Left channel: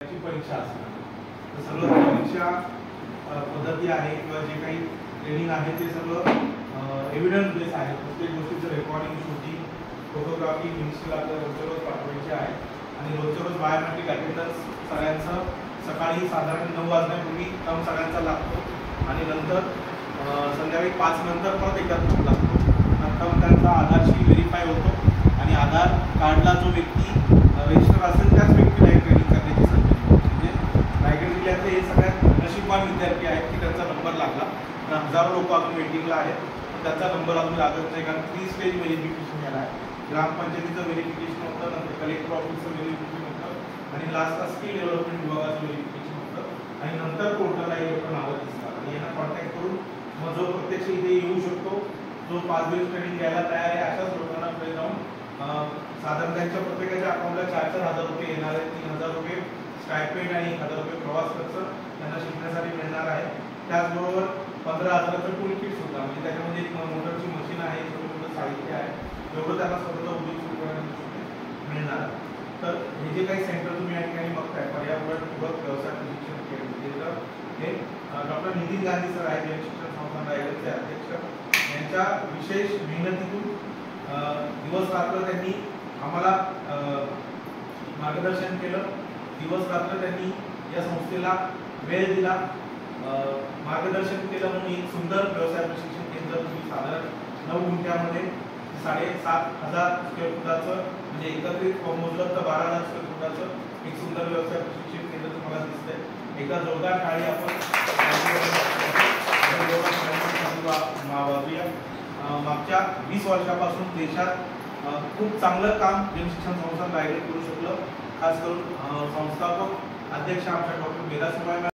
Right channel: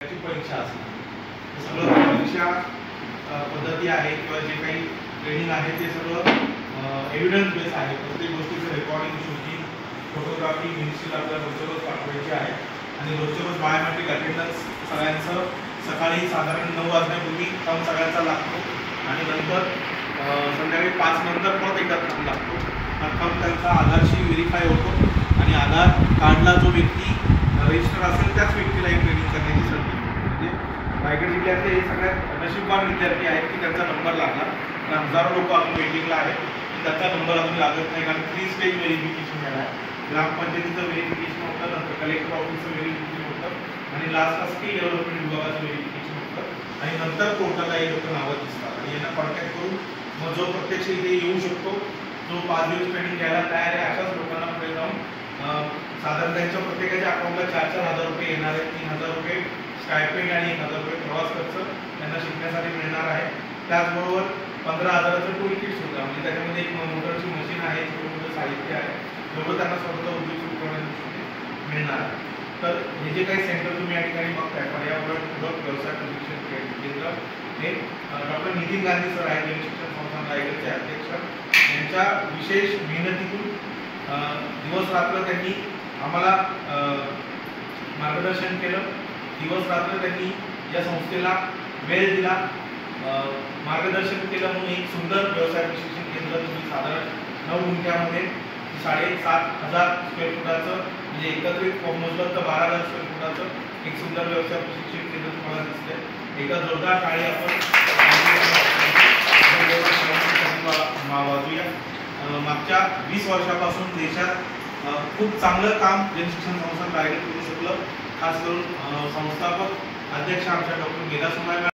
परीक्षा असणार. सगळं परीक्षा पद्धती आहे किंवा जे काही ट्रेनिंग आहे ते सगळं एव्हिडन्स बेस आहे. प्रत्येक गोष्टीचं रेकॉर्डिंग, शूटिंग, फोटोग्राफी मिनिस्ट्रीला आपल्याला रोजच्या रोज पाठवायची आहे आणि रोजच्या रोज बायोमेट्रिक अटेंडन्स सगळ्यांचं सकाळी साधारण 9 वाजण्यापूर्वी थंब सगळ्यांचा लागतो आणि नंतर संध्याकाळी 5 नंतर परत एकदा थंब लागतो. थंब त्यांचा आधारशी व्हेरीफाय होतो आणि आधार कार्डला जो व्यक्ती रजिस्टर असेल त्याच व्यक्तीला हे ट्रेनिंग करण्याची संधी मिळते. म्हणजे रायगड जिल्ह्यातले हे सगळ्यात नशीबवान विद्यार्थी आहेत की त्यांचा नंबर लागला. हजारो लोक अजून वेटिंगला आहेत की त्याचा नंबर अजून लागत नाही, कारण 3 स्टेज व्हेरिफिकेशन झाला आहे. ग्रामपंचायतीचं व्हेरिफिकेशन होतं, नंतर कलेक्टर ऑफिसचं व्हेरिफिकेशन होतं आणि लास्टला स्किल डेव्हलपमेंट विभागाचं व्हेरिफिकेशन होतं आणि नंतर कोर्टाला हे लोक नावं दिसतात आणि यांना कॉन्टॅक्ट करून मग जो प्रत्यक्ष इथे येऊ शकतो, जो 5 दिवस ट्रेनिंग घ्यायला तयार आहे, अशाच लोकांना पुढे जाऊन साधारण त्यांच्या प्रत्येकाच्या अकाउंटला 4,000 रुपये येणार आहेत. 3,000 रुपये स्टायपेंड आणि 1,000 रुपये प्रवास खर्च त्यांना शिकण्यासाठी मिळणार आहे. त्याचबरोबर 15,000चं टूल किट सुद्धा, म्हणजे त्याच्यामध्ये एक मोटरची मशीन आहे, छोटं मोठं साहित्य आहे, जेवढं त्यांना स्वतःचा उद्योग सुरू करण्यासाठी मिळणार आहे. तर हे जे काही सेंटर तुम्ही या ठिकाणी बघताय, पर्यावरण पूरक व्यवसाय प्रशिक्षण केंद्र, हे डॉक्टर नितीन गांधी सर आहेत, शिक्षण संस्था रायगडचे अध्यक्ष. यांच्या विशेष मेहनतीतून दिवस रात्र त्यांनी आम्हाला मार्गदर्शन केलं. दिवस रात्र त्यांनी या संस्थेला वेळ दिला, मार्गदर्शन केलं. म्हणून एक सुंदर व्यवसाय प्रशिक्षण केंद्र तुम्ही साधारण 9 गुंठ्यामध्ये 7,500 स्क्वेअर फुटाचं, म्हणजे एकत्रित मोजलं तर 12,000 स्क्वेअर फुटाचं एक सुंदर व्यवसाय प्रशिक्षण केंद्र तुम्हाला दिसतंय. एकदा जोरदार टाळी आपण वाजूया. मागच्या 20 वर्षापासून देशात खूप चांगलं काम जनशिक्षण संस्था रायगड करू शकलं. खास करून संस्थापक अध्यक्ष आमच्या डॉक्टर मेधा सुमाय